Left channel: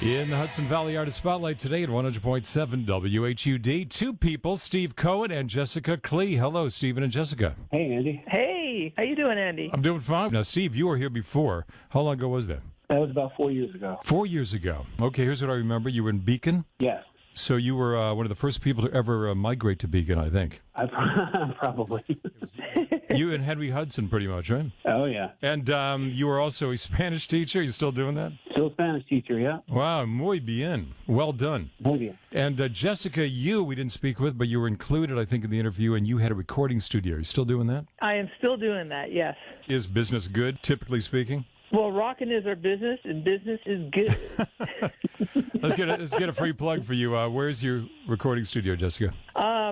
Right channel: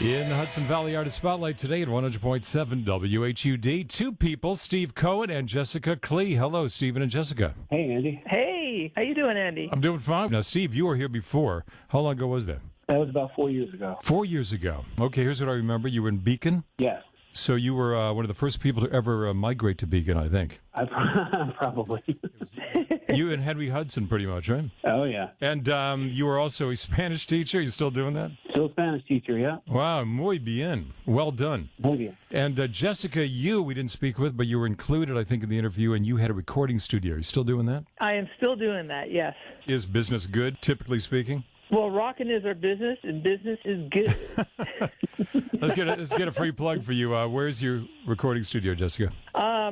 In the Hudson Valley Artist Spotlight today at 100.7 WHUD, two people, Steve Cohen and Jessica Klee. Hello, Stephen and Jessica. Hey, Andy. Hey, how you doing, Andy? I'm doing fine. Now, Steve, you were here before. How long ago was that? That was about 4 years ago. 4 years ago. Okay, here's what I remember. You were in Beacon? Yes. So you were one of the first people to ever migrate to Beacon, I think. Probably. You and Henry Hudson, pretty much, right? Oh, yeah. And you were also a Spanish teacher. You still doing that? Still a Spanish teacher, yeah. Wow, muy bien. Well done. Muy bien. And Jessica, we didn't speak with, but you were included, I think, in the interview, and you had a recording studio. Are you still doing that? I am still doing that, yes. Is business good, typically speaking? Well, rocking is our business, and business is good. Let's get a free plug for you. Where's your recording studio, Jessica?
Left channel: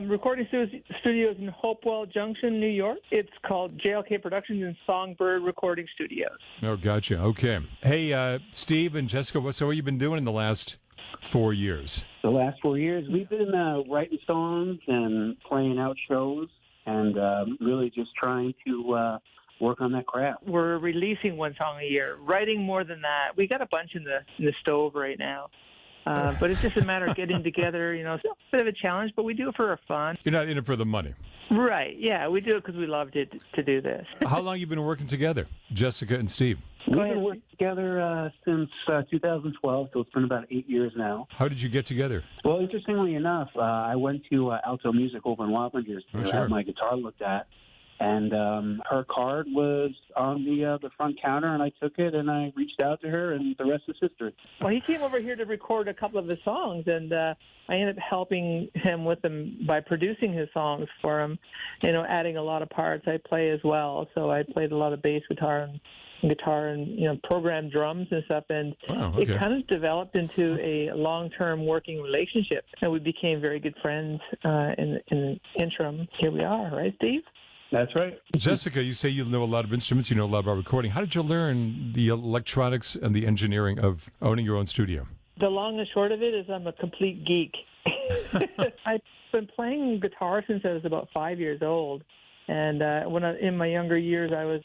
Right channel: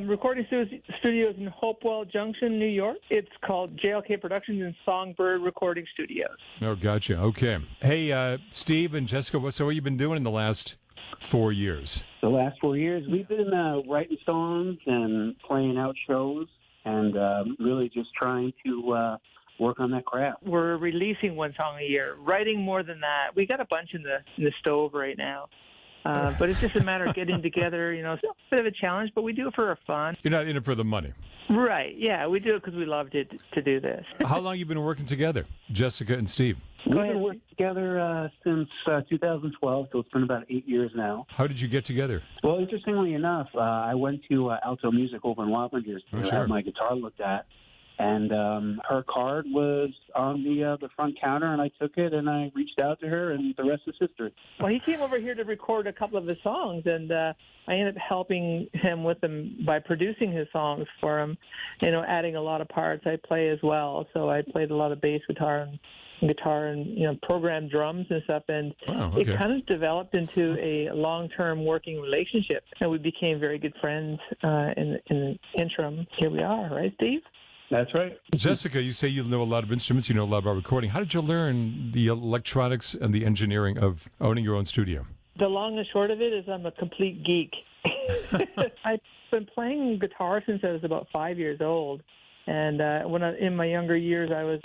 Recording studios in Hopewell Junction, New York. It's called JLK Productions and Songbird Recording Studios. Oh, gotcha. Okay. Hey, Steve and Jessica, so what have you been doing in the last 4 years? The last 4 years, we've been writing songs and playing out shows and really just trying to work on that craft. We're releasing one song a year, writing more than that. We got a bunch in the stove right now. But it's just a matter of getting together. You know, it's a bit of a challenge, but we do it for our fun. You're not in it for the money. Right, yeah. We do it because we love to do this. How long have you been working together, Jessica and Steve? We've been working together since 2012, so it's been about 8 years now. How did you get together? Well, interestingly enough, I went to Alto Music over in Wappingers to have my guitar looked at. And her card was on the front counter, and I took it, and I reached out to her, and the rest is history. Well, he came over here to record a couple of his songs, and I ended up helping him with them by producing his songs for him, you know, adding a lot of parts. I play as well, so I played a lot of bass guitar and you know, programmed drums and stuff, and it kind of developed into a long-term working relationship, and we became very good friends in the interim. Here we are, right, Steve? That's right. Jessica, you say you know a lot of instruments, you know a lot about recording. How did you learn the electronics and the engineering of owning your own studio? The long and short of it is I'm a complete geek. I've been playing guitar since I was about 5 years old. And in my younger years, I was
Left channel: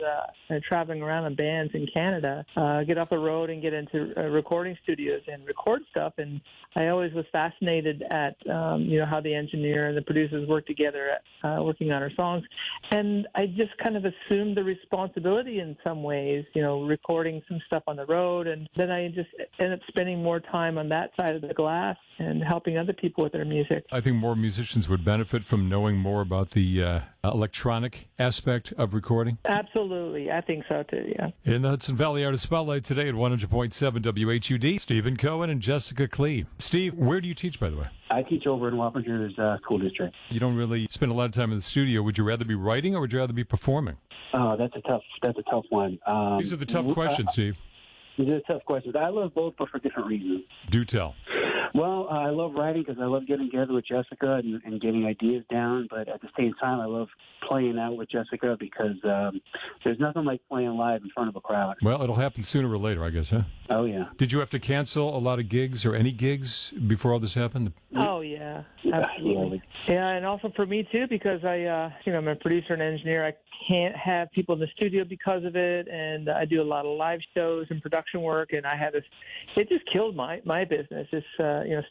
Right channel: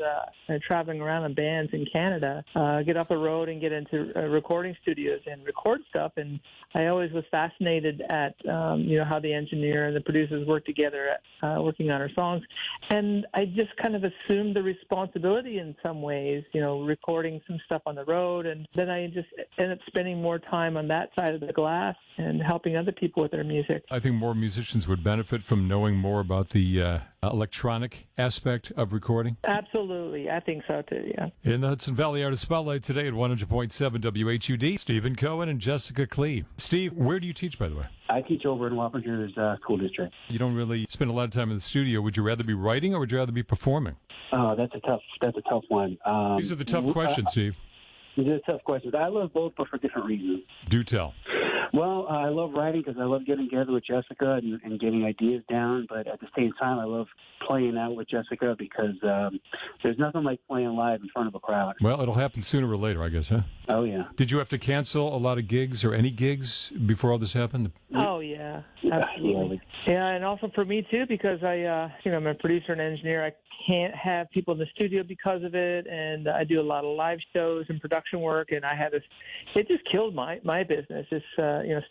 traveling around in bands in Canada, get off the road and get into recording studios and record stuff. And I always was fascinated at, you know, how the engineer and the producers work together working on our songs. And I just kind of assumed the responsibility in some ways, you know, recording some stuff on the road. And then I just ended up spending more time on that side of the glass and helping other people with their music. I think more musicians would benefit from knowing more about the electronic aspect of recording. Absolutely. I think so, too, yeah. In the Hudson Valley Artist Spotlight today at 100.7 WHUD, Stephen Cohen and Jessica Klee. Steve, where do you teach, by the way? I teach over in Wappingers School District. You don't really spend a lot of time in the studio. Would you rather be writing or would you rather be performing? Oh, that's a tough one. These are the tough questions, Steve. These are tough questions. I love both, but for different reasons. Do tell. Well, I love writing because I love getting together with Jessica and getting ideas down. But at the same time, I love playing out with Jessica because there's nothing like playing live in front of a crowd. Well, it'll happen sooner or later, I guess, huh? Oh, yeah. Did you have to cancel a lot of gigs or any gigs before all this happened? Oh, yeah. Absolutely. Yeah, and also for me, too, because I'm a producer and engineer. I can't have people in the studio because of it, and I do a lot of live shows and production work, and it just killed my business. It's,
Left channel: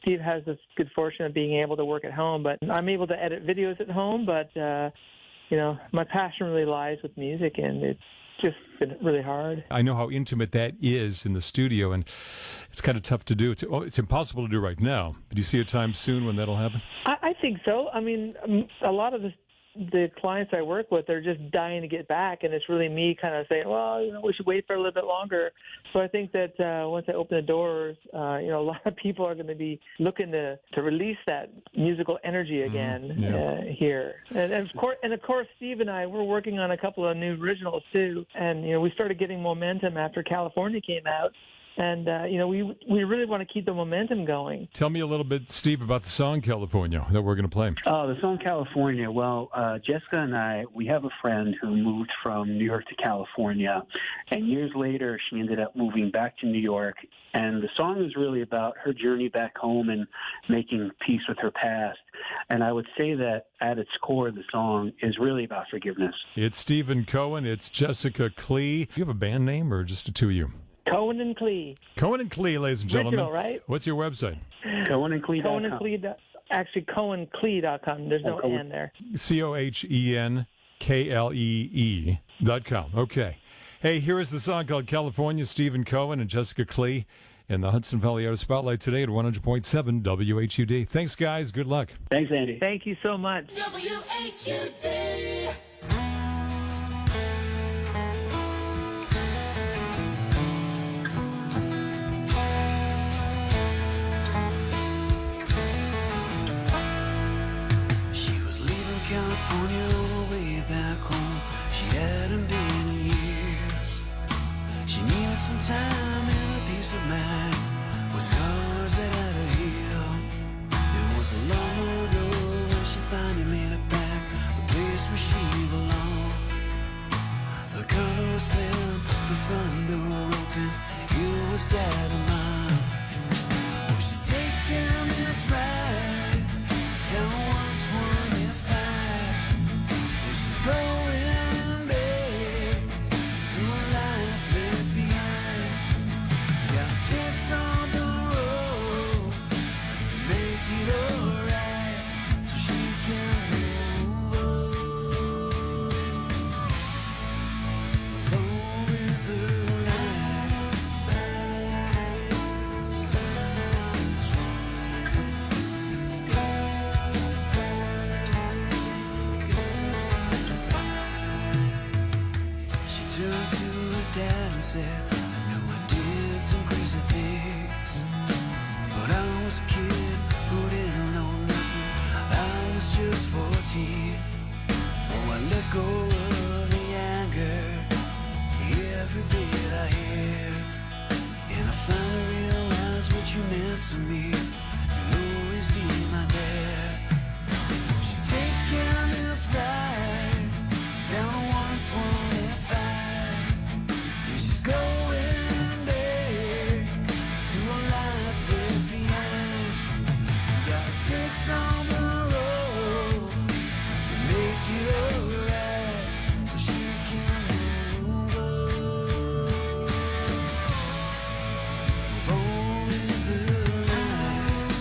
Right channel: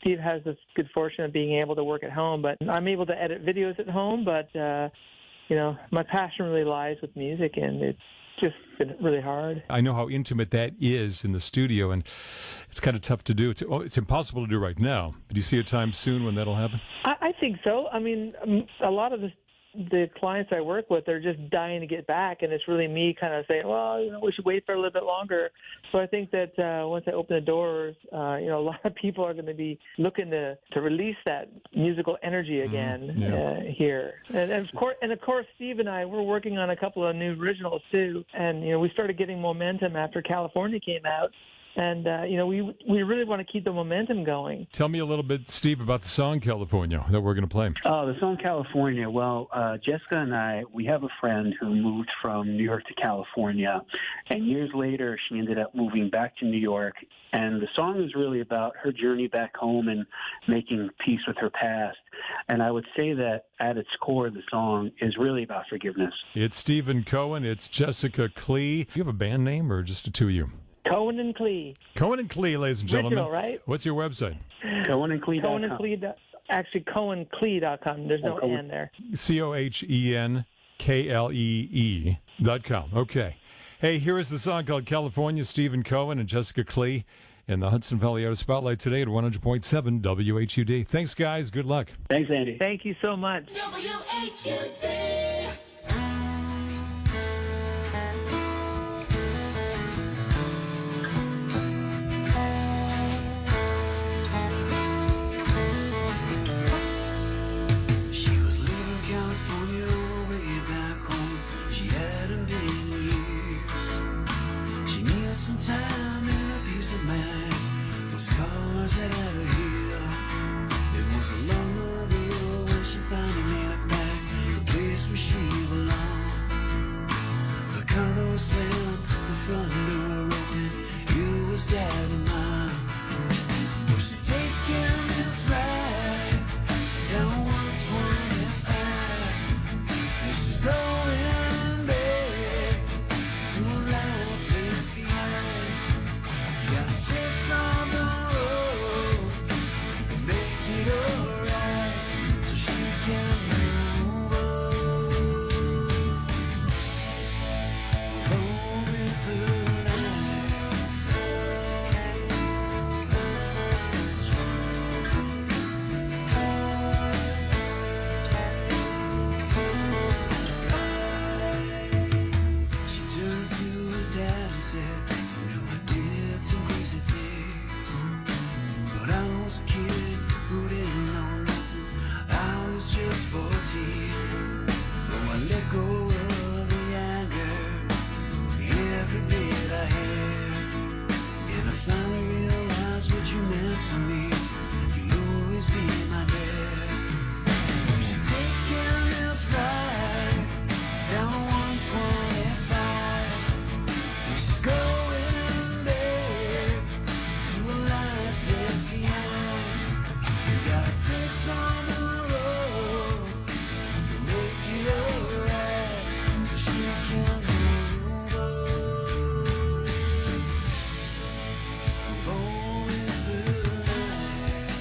Steve has this good fortune of being able to work at home, but I'm able to edit videos at home, but, my passion really lies with music, and it's just been really hard. I know how intimate that is in the studio, and it's kind of tough to do. It's impossible to do right now. Do you see a time soon when that'll happen? I think so. I mean, a lot of the clients I work with, they're just dying to get back, and it's really me kind of saying, well, we should wait for a little bit longer. So I think that once I open the doors, a lot of people are going to be looking to release that musical energy again here. And of course, Steve and I, we're working on a couple of new originals too, and we started getting momentum after California came out. And, we really want to keep the momentum going. Tell me a little bit, Steve, about the song California that we're going to play. Oh, the song California. Well, Jessica and I, we have a friend who moved from New York to California. And years later, she ended up moving back to New York. And the song is really about her journey back home and making peace with her past. And I would say that at its core, the song is really about forgiveness. It's Stephen Cohen. It's Jessica Klee. Do you have a band name or just the two of you? Cohen and and Klee. Cohen and Klee, ladies and gentlemen. Original, right? What's your website? CohenandKlee.com. Cohen and Klee. Actually, CohenKlee.com. There's no N there. CohenKlee.com. Okay. Hey, here is the song called California. Stephen Cohen and Jessica Klee in the Hudson Valley Artist Spotlight today at 100.7 WHUD. Thanks, guys. Good luck. Thanks, Andy. Thank you so much. WHUD. She was leaving California on her way back home. She hadn't been in years. She needed some time and a peace of mind with scars that had to heal. It was a long road when she finally made it back, the place where she belonged. The car door slammed, the front door open. You was dead of mine. Well, she's taking this ride down 125. This is going back to a life left behind. Got to fix on the road and make it alright so she can move on. Roll with the She turned to her dad and said, I know I did some crazy things, but I was a kid who didn't know nothing. I was just 14. Oh, I let go of the anger, every bit I had, and I finally realized what you meant to me. You'll always be my dad. She's taking this ride down 125. And she's going back to a life left behind. Got to fix on the road and make it alright so she can move on. Move on with her life.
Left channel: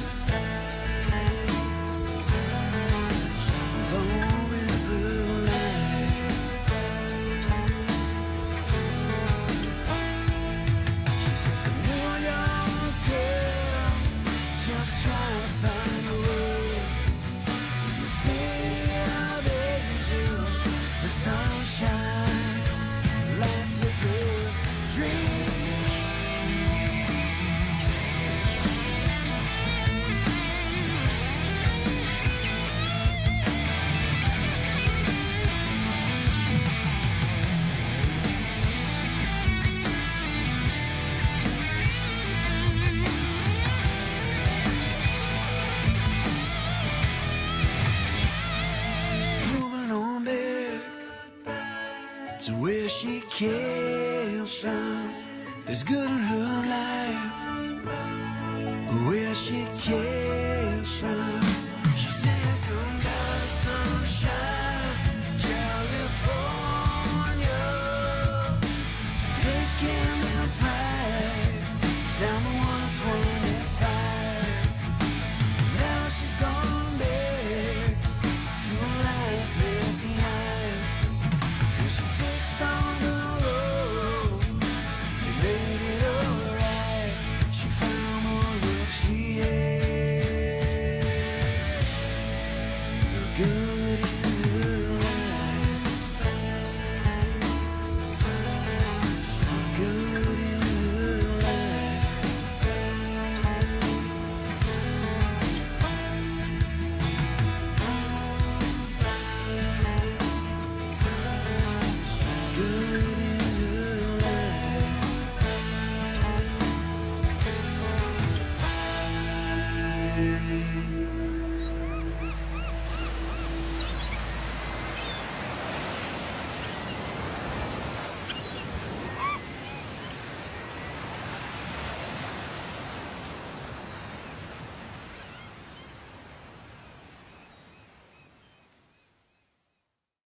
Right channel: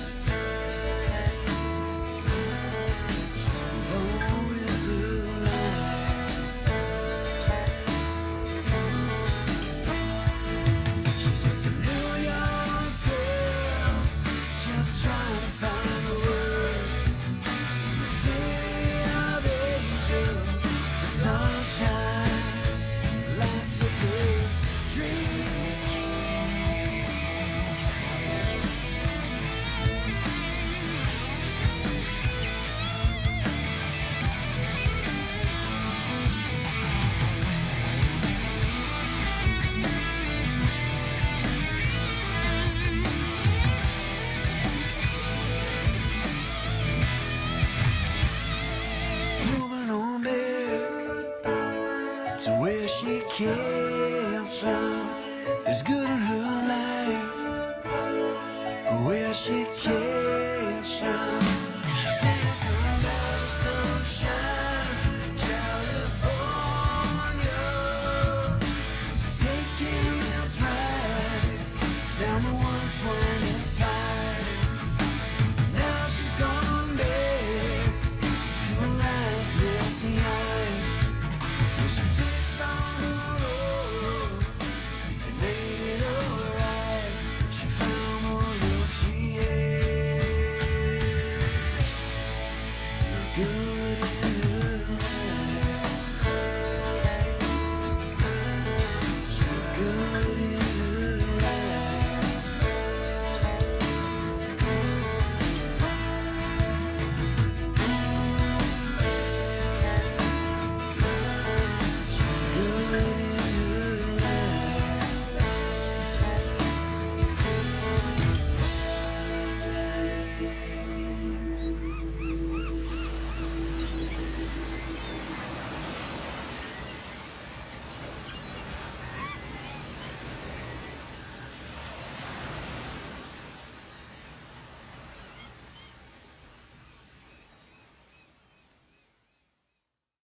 Move on with her life. She's just a New York girl, just trying to find the world. In the city of angels, the sunshine lights up her dreams. She's moving on back to where she came from. It's good in her life, where she came from.